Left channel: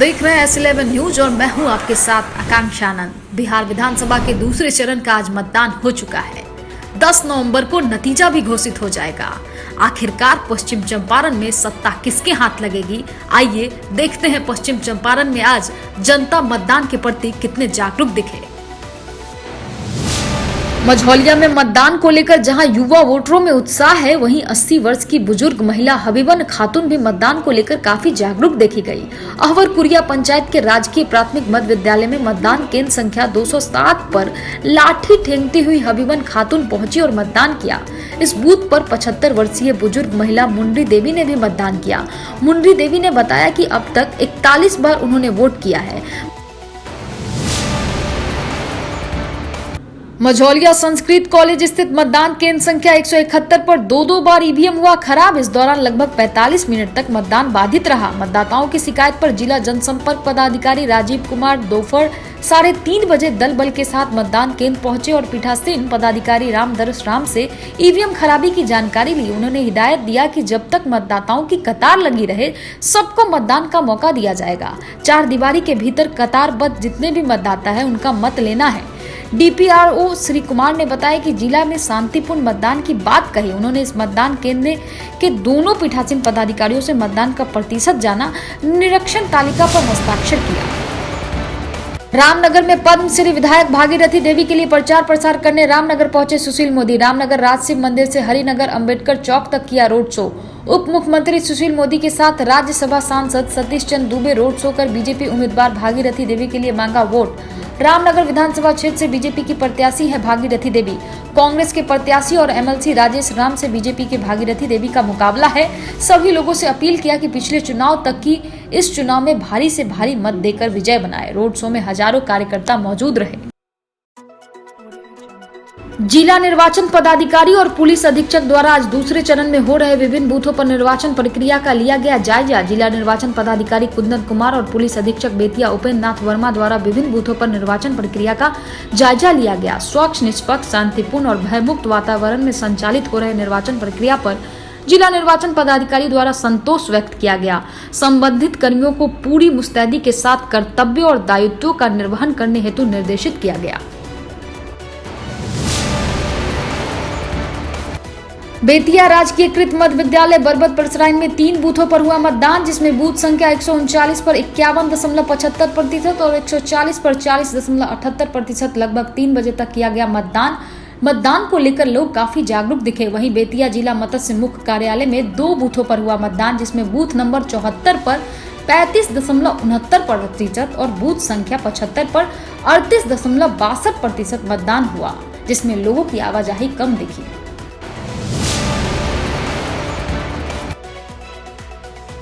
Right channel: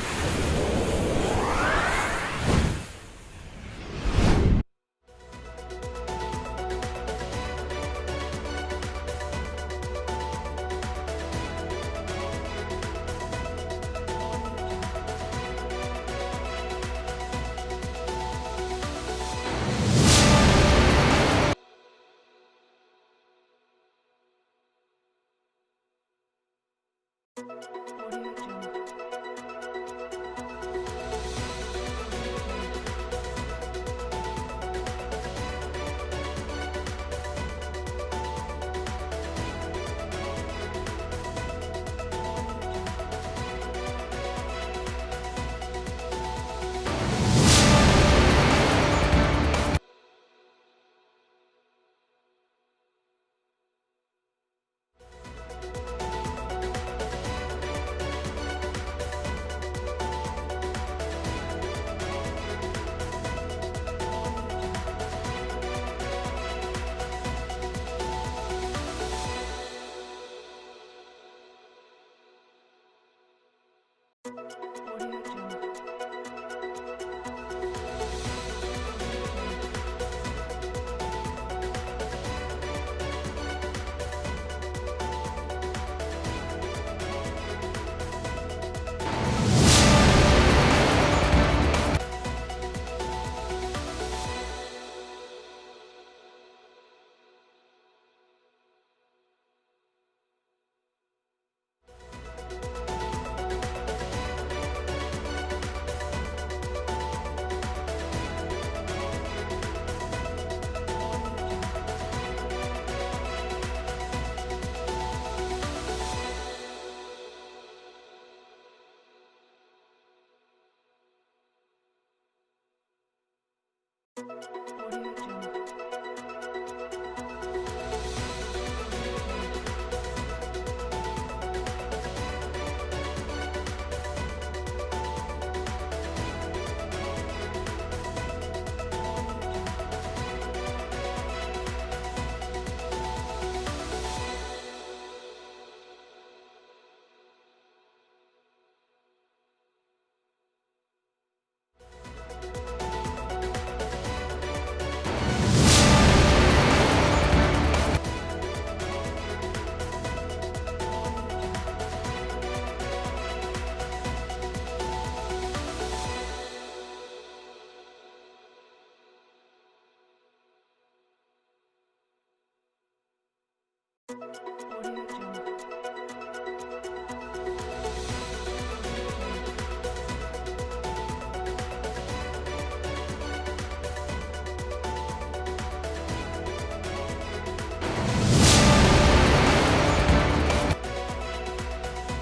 देख रहे हैं S11 न्यूज और मैं हूं आपके साथ आकांक्षा आनंद। बिहार विधानसभा के दूसरे चरण का आज मतदान हो चुका है। 10 नवंबर को नतीजा भी घोषित हो जाएगा। आखिरकार पश्चिम चंपारण में सत्ता किसके हाथ लगेगी? आइए देखते हैं पश्चिम चंपारण में आज जनता मतदान के प्रति कितने जागरूक दिखे। मझौलिया में मतदान को लेकर जहां युवा वोटरों में उत्साह है, वहीं 80 वर्ष की बुजुर्ग महिला हबीबन खातून भी मतदान को लेकर काफी जागरूक देखी गई। अहवर कुरिया पंचायत के राजकीय प्राथमिक मध्य विद्यालय में मतदान केंद्र संख्या 207 पर लाठी ठेंगती हुई हबीबन खातून पहुंची और मतदान किया। इस बूथ पर 75 वर्षीय बुजुर्ग महिला मुंडी देवी ने भी मतदान किया। मुंडी देवी ने बताया कि अब तक 41 बार उन्होंने वोट किया है। मझौलिया संस्कृत कॉलेज स्थित मतदान केंद्र संख्या 171 पर दो बार ईवीएम हुआ खराब। इस दौरान लगभग 45 मिनट तक मतदान बाधित रहा। मतदाताओं की शिकायत पर जिला जनसंपर्क पदाधिकारी राजीव कुमार दोपहर 3:30 बजे दल बल के साथ मतदान केंद्र पहुंचे और पीठासीन पदाधिकारी रामदर्श राम से ईवीएम खराबी की जानकारी ली। उन्होंने हिदायत दिया कि जब तक मतदाताओं की कतार लगी रहे, सबको मतदान का मौका दिया जाएगा। 4 दीवारी के भीतर कतारबद्ध जितने भी मतदाता है, उनका मत लेना है। डीपीआरओ श्री कुमार ने बताया कि जिला में शांतिपूर्ण मतदान की बात कही। उन्होंने इस मतदान केंद्र के दोनों पीठासीन पदाधिकारियों से मतदान का प्रतिशत जाना, निरीक्षण तालिका पर हस्ताक्षर किया। रामनगर में पद्मश्री विधायक भागीरथी देवी के लिए प्रचार प्रसार करने रामनगर पहुंचे सुशील मोदी। रामनगर राज शिव मंदिर से हरिनगर अंबेडकर चौक तक किया रोड शो। उप मुख्यमंत्री सुशील मोदी के साथ राज्यसभा सांसद सतीश चंद्र दुबे रोड शो कर बीजेपी उम्मीदवार भागीरथी देवी के लिए मांगा वोट। रामनगर विधानसभा क्षेत्र से बीजेपी की प्रत्याशी है भागीरथी देवी। कांग्रेस के प्रत्याशी और एमएलसी राजेश राम से बीजेपी के भागीरथी देवी का मुकाबला है। सभी लोगों से अपील किया कि पिछले चुनाव तक की इस चुनाव में भारी से भारी मत देकर विजय बनाए। रोड शो में हजारों कार्यकर्ता मौजूद रहे। जिला निर्वाचन पदाधिकारी और पुलिस अधीक्षक द्वारा आज दूसरे चरण में हो रहे विभिन्न बूथों पर निर्वाचन प्रक्रिया का लिया गया जायजा। जिला निर्वाचन पदाधिकारी कुंदन कुमार और पुलिस अधीक्षक बेतिया उपेंद्र नाथ वर्मा द्वारा विभिन्न बूथों पर निर्वाचन प्रक्रिया का जायजा लिया गया। स्वच्छ, निष्पक्ष, शांतिपूर्ण और भयमुक्त वातावरण में संचालित हो रहे निर्वाचन प्रक्रिया पर जिला निर्वाचन पदाधिकारी द्वारा संतोष व्यक्त किया गया। संबंधित कर्मियों को पूरी मुस्तैदी के साथ कर्तव्य और दायित्वों का निर्वहन करने हेतु निर्देशित किया गया। बेतिया राजकीयकृत मध्य विद्यालय बरबत परसराइन में 3 बूथों पर हुआ मतदान, जिसमें बूथ संख्या 139 पर 51.75% और 140 पर 40.78% लगभग 3 बजे तक किया गया मतदान को लेकर लोग काफी जागरूक दिखे। वहीं बेतिया जिला मत्स्य मुख्य कार्यालय में 2 बूथों पर हुआ मतदान, जिसमें बूथ नंबर 74 पर 35.69% और बूथ संख्या 75 पर 38.62% मतदान हुआ, जिसमें लोगों की आवाजाही कम दिखी।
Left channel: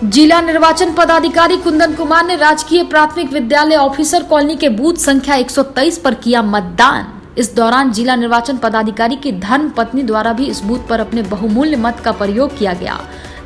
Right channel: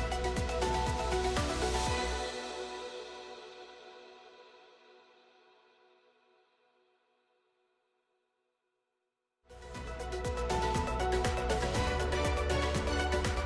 जिला निर्वाचन पदाधिकारी कुंदन कुमार ने राजकीय प्राथमिक विद्यालय ऑफिसर कॉलोनी के बूथ संख्या 123 पर किया मतदान। इस दौरान जिला निर्वाचन पदाधिकारी की धर्म पत्नी द्वारा भी इस बूथ पर अपने बहुमूल्य मत का प्रयोग किया गया।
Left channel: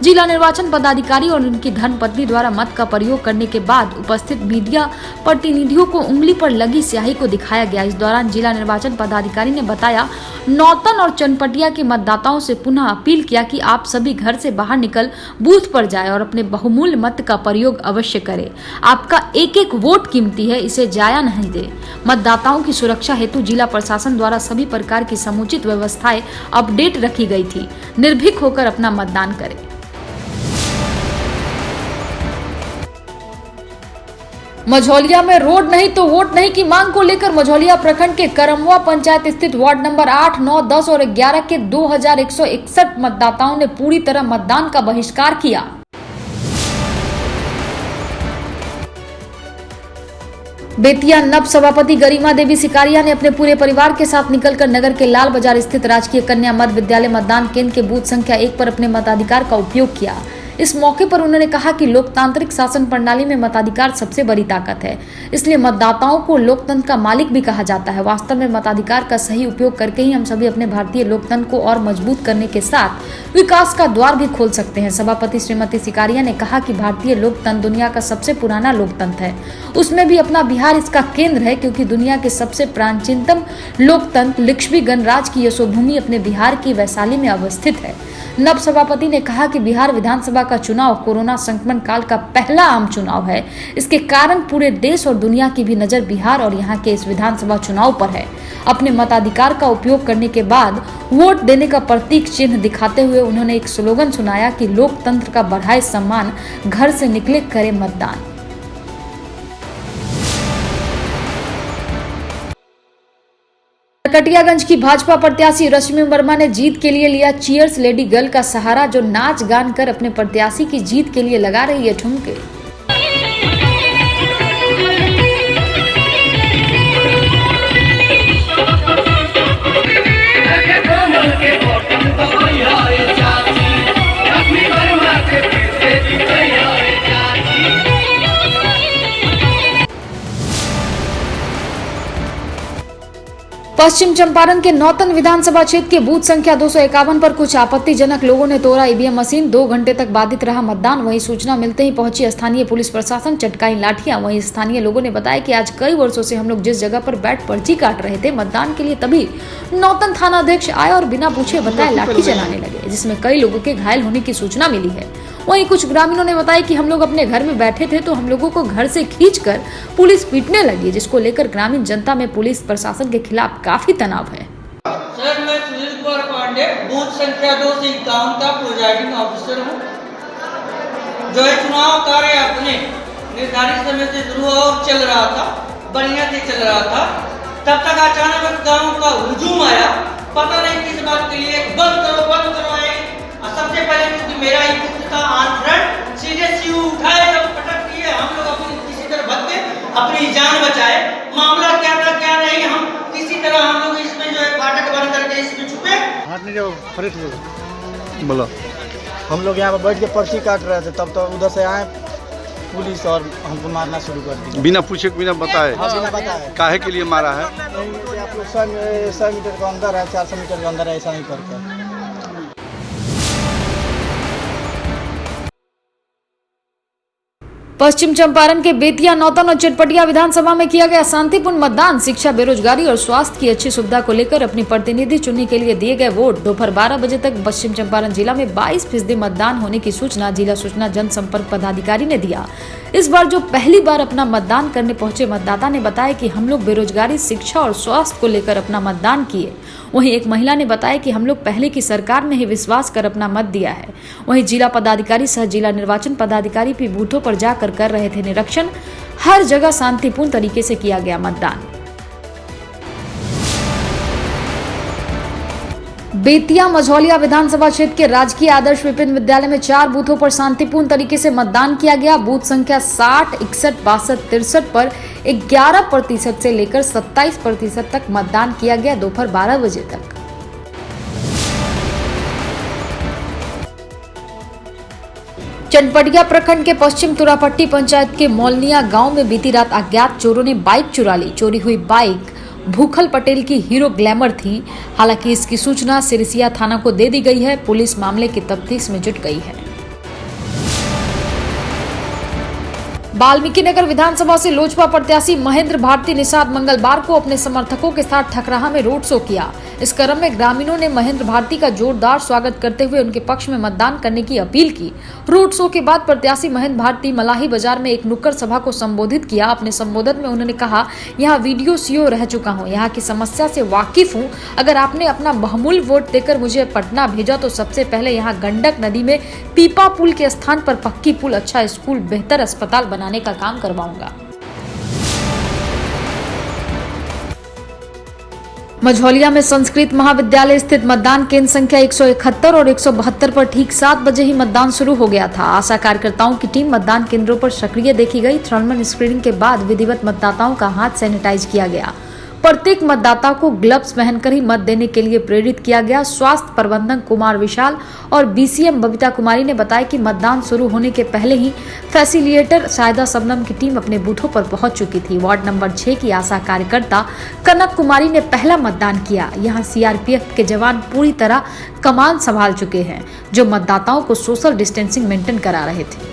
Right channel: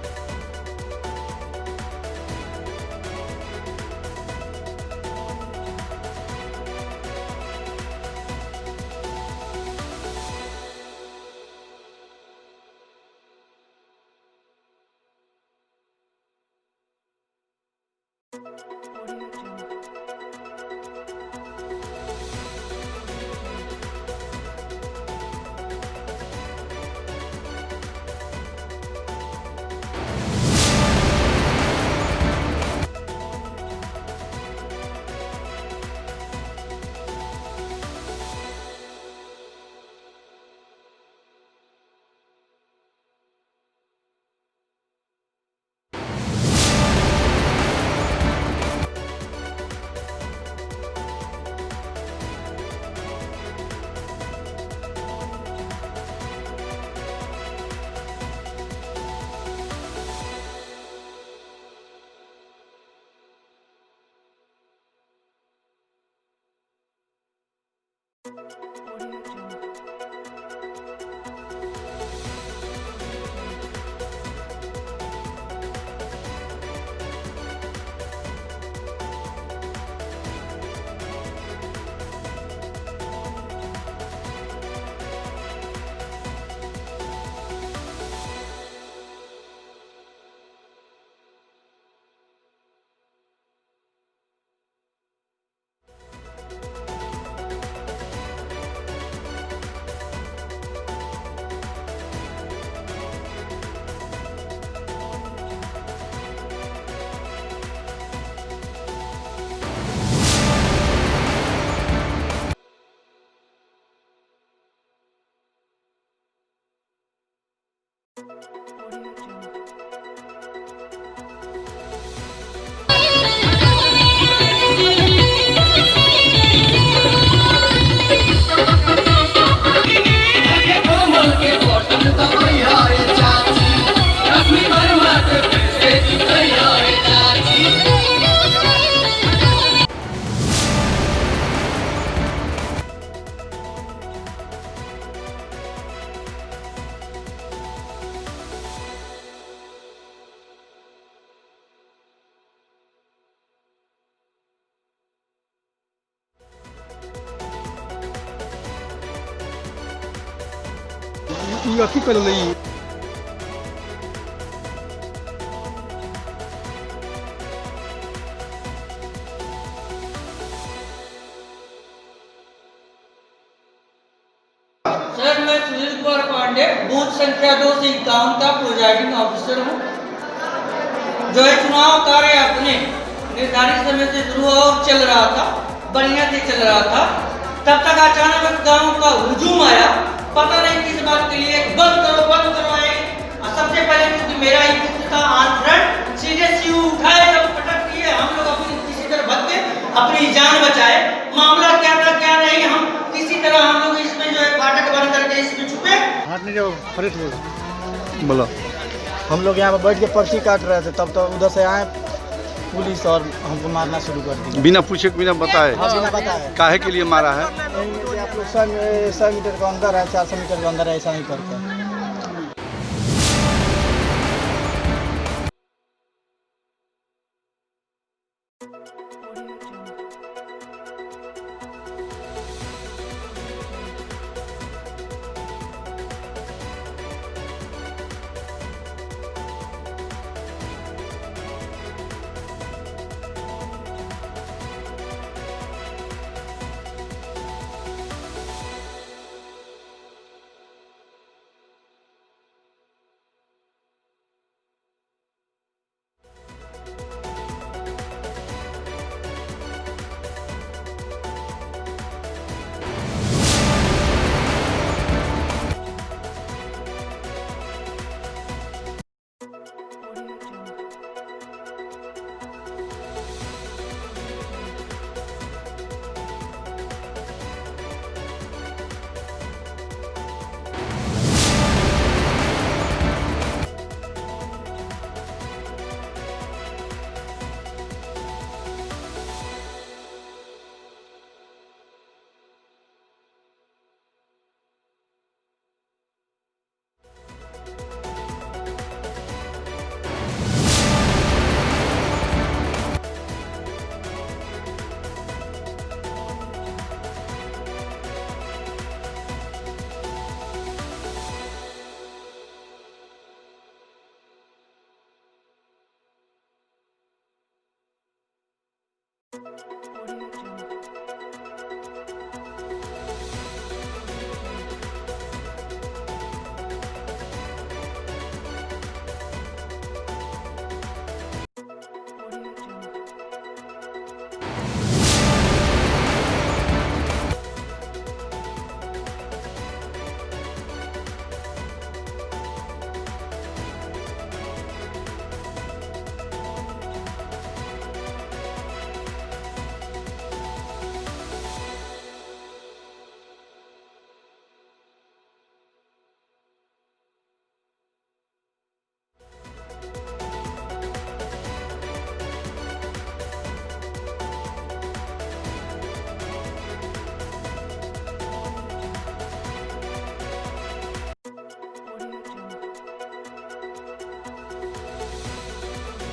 जिला निर्वाचन पदाधिकारी और उनकी धर्मपत्नी द्वारा मत का प्रयोग करने के बाद उपस्थित मीडिया प्रतिनिधियों को उंगली पर लगी स्याही को दिखाया गया। इस दौरान जिला निर्वाचन पदाधिकारी ने बताया, नौतन और चनपटिया के मतदाताओं से पुनः अपील किया कि आप सभी घर से बाहर निकल बूथ पर जाएं और अपने बहुमूल्य मत का प्रयोग अवश्य करें। आपका एक वोट कीमती है, इसे जाया नहीं दे। मतदाताओं की सुरक्षा हेतु जिला प्रशासन द्वारा सभी प्रकार की समुचित व्यवस्थाएं अपडेट रखी गई थी। निर्भीक होकर अपना मतदान करें। मझौलिया में रोड नहीं तो वोट नहीं की मांग को लेकर मझौलिया प्रखंड के करमवा पंचायत स्थित वार्ड नंबर 8, 9, 10 और 11 के 2161 मतदाताओं ने पूरी तरह मतदान का बहिष्कार किया। बेतिया नव सभापति गरिमा देवी सिकारिया ने अपने पूरे परिवार के साथ निकलकर नगर के लाल बाजार स्थित राजकीय कन्या मध्य विद्यालय मतदान केंद्र के बूथ संख्या 1 पर अपने मताधिकार का उपयोग किया। इस मौके पर उन्होंने कहा कि लोकतांत्रिक शासन प्रणाली में मताधिकार सबसे बड़ी ताकत है, इसलिए मतदाताओं को लोकतंत्र का मालिक भी कहा जाता है। वास्तव में मताधिकार का सही उपयोग करके ही हम सभी अपने भारतीय लोकतंत्र को और मजबूत करने के साथ विकास का द्वार भी खोल सकते हैं। सभापति श्रीमती सिकारिया ने कहा कि भारतीय लोकतंत्र दुनिया का सबसे पुराना लोकतंत्र है, उसमें भी अपना बिहार इसका केंद्र है, क्योंकि दुनिया के सबसे प्राचीनतम लोकतंत्र लिच्छवी गणराज्य की यशोभूमि अपने बिहार की वैशाली में अवस्थित है। नव सभापति ने कहा कि बिहार विधानसभा का चुनाव कोरोना संक्रमण काल का पहला आम चुनाव है। इसके कारण पूरे देश और दुनिया की भी नजर बिहार और यहाँ के इस विधानसभा चुनाव पर है। अपने मताधिकार का उपयोग करने के बाद वोट देने का प्रतीक चिन्ह दिखाते हुए उन्होंने एक स्लोगन सुनाया कि लोकतंत्र का बढ़ाए सम्मान, घर से निकले करे मतदान। नरकटियागंज की भाजपा प्रत्याशी रश्मि वर्मा ने जीत के लिए लिया चीयर्स लेडी गर्ल का सहारा, जो नाच गान कर अपने प्रत्याशी की जीत के लिए लगा रही है ठुमके। पश्चिम चंपारण के नौतन विधानसभा क्षेत्र के बूथ संख्या 251 पर कुछ आपत्तिजनक लोगों ने तोड़ा ईवीएम मशीन। 2 घंटे तक बाधित रहा मतदान। वहीं सूचना मिलते ही पहुंची स्थानीय पुलिस प्रशासन, चटकाई लाठियां। वहीं स्थानीय लोगों ने बताया कि आज कई वर्षों से हम लोग जिस जगह पर बैठ पर्ची काट रहे थे मतदान के लिए, तभी नौतन थाना अध्यक्ष आए और बिना पूछे बताए लाठी चलाने लगे, जिसमें कई लोगों के घायल होने की सूचना मिली है। वहीं कुछ ग्रामीणों ने बताया कि हम लोग अपने घर में बैठे थे तो हम लोगों को घर से खींचकर पुलिस पीटने लगी, जिसको लेकर ग्रामीण जनता में पुलिस प्रशासन के खिलाफ काफी तनाव है। सर, मैं सुनील कुमार पांडे बूथ संख्या 251 का प्रिजाइडिंग ऑफिसर हूँ। जो है चुनाव कार्य अपने निर्धारित समय से शुरू और चल रहा था, बढ़िया से चल रहा था। तब तक अचानक गाँव का हुजूम आया, पता नहीं किस बात के लिए। बंद करो आए। सबसे पहले क्योंकि मेरा ही पुत्र था ऑन फ्रंट, सीधे सीयू उठाए, सब पटक दिए। हम लोग अपनी किसी तरह भाग के अपनी जान बचाए। मामला क्या था क्या नहीं, हम किसी तरह हम लोग इसमें जो है फाटक बंद करके इसमें छुपे। आपने जो फरीद बोला, हम लोग यहाँ पर बैठ के पर्ची काट रहे थे, तब तो उधर से आए पुलिस और हमको मारना शुरू कर दिया बिना पूछे बिना बताए। हाँ, बिना बताए। काहे के लिए मारा है? आप लोग 100 मीटर के अंदर है, 400 मीटर के अंदर है, ऐसा नहीं करते। पश्चिम चंपारण के बेतिया, नौतन और चटपटिया विधानसभा में किया गया शांतिपूर्ण मतदान। शिक्षा, बेरोजगारी और स्वास्थ्य की अच्छी सुविधा को लेकर अपनी प्रतिनिधि चुनने के लिए दिए गए वोट। दोपहर 12 बजे तक पश्चिम चंपारण जिला में 22% मतदान होने की सूचना जिला सूचना जनसंपर्क पदाधिकारी ने दिया। इस बार जो पहली बार अपना मतदान करने पहुंचे मतदाता ने बताया कि हम लोग बेरोजगारी, शिक्षा और स्वास्थ्य को लेकर अपना मतदान किए। वहीं एक महिला ने बताया कि हम लोग पहले की सरकार में ही विश्वास कर अपना मत दिया है। वहीं जिला पदाधिकारी सह जिला निर्वाचन पदाधिकारी भी बूथों पर जाकर कर रहे थे निरीक्षण। हर जगह शांतिपूर्ण तरीके से किया गया मतदान। बेतिया मझौलिया विधानसभा क्षेत्र के राजकीय आदर्श विपिन विद्यालय में 4 बूथों पर शांतिपूर्ण तरीके से मतदान किया गया। बूथ संख्या 60, 61, 62, 63 पर 11% से लेकर 27% तक मतदान किया गया दोपहर 12 बजे तक। चनपटिया प्रखंड के पश्चिम तुरापट्टी पंचायत के मौलनिया गांव में बीती रात अज्ञात चोरों ने बाइक चुरा ली। चोरी हुई बाइक भूखल पटेल की हीरो ग्लैमर थी। हालांकि इसकी सूचना सिरसिया थाना को दे दी गई है। पुलिस मामले की तफ्तीश में जुट गई है। वाल्मीकि नगर विधानसभा से लोजपा प्रत्याशी महेंद्र भारती निषाद मंगलवार को अपने समर्थकों के साथ ठकराहा में रोड शो किया। इस क्रम में ग्रामीणों ने महेंद्र भारती का जोरदार स्वागत करते हुए उनके पक्ष में मतदान करने की अपील की। रोड शो के बाद प्रत्याशी महेंद्र भारती मलाही बाजार में एक नुक्कड़ सभा को संबोधित किया। अपने संबोधन में उन्होंने कहा, यहाँ वीडियो सीओ रह चुका हूँ, यहाँ की समस्या से वाकिफ हूँ। अगर आपने अपना बहुमूल्य वोट देकर मुझे पटना भेजा तो सबसे पहले यहाँ गंडक नदी में पीपा पुल के स्थान पर पक्की पुल, अच्छा स्कूल, बेहतर अस्पताल बनाने का काम करवाऊंगा। मझौलिया में संस्कृत महाविद्यालय स्थित मतदान केंद्र संख्या 171 और 172 पर ठीक 7 बजे ही मतदान शुरू हो गया था। आशा कार्यकर्ताओं की टीम मतदान केंद्रों पर सक्रिय देखी गई। थर्मल स्क्रीनिंग के बाद विधिवत मतदाताओं का हाथ सैनिटाइज किया गया। प्रत्येक मतदाता को ग्लव्स पहनकर ही मत देने के लिए प्रेरित किया गया। स्वास्थ्य प्रबंधक कुमार विशाल और बीसीएम बबीता कुमारी ने बताया कि मतदान शुरू होने के पहले ही फैसिलिटेटर शायदा शबनम की टीम अपने बूथों पर पहुंच चुकी थी। वार्ड नंबर 6 की आशा कार्यकर्ता कनक कुमारी ने पहला मतदान किया। यहाँ सीआरपीएफ के जवान पूरी तरह कमान संभाल चुके हैं, जो मतदाताओं को सोशल डिस्टेंसिंग मेंटेन करा रहे थे।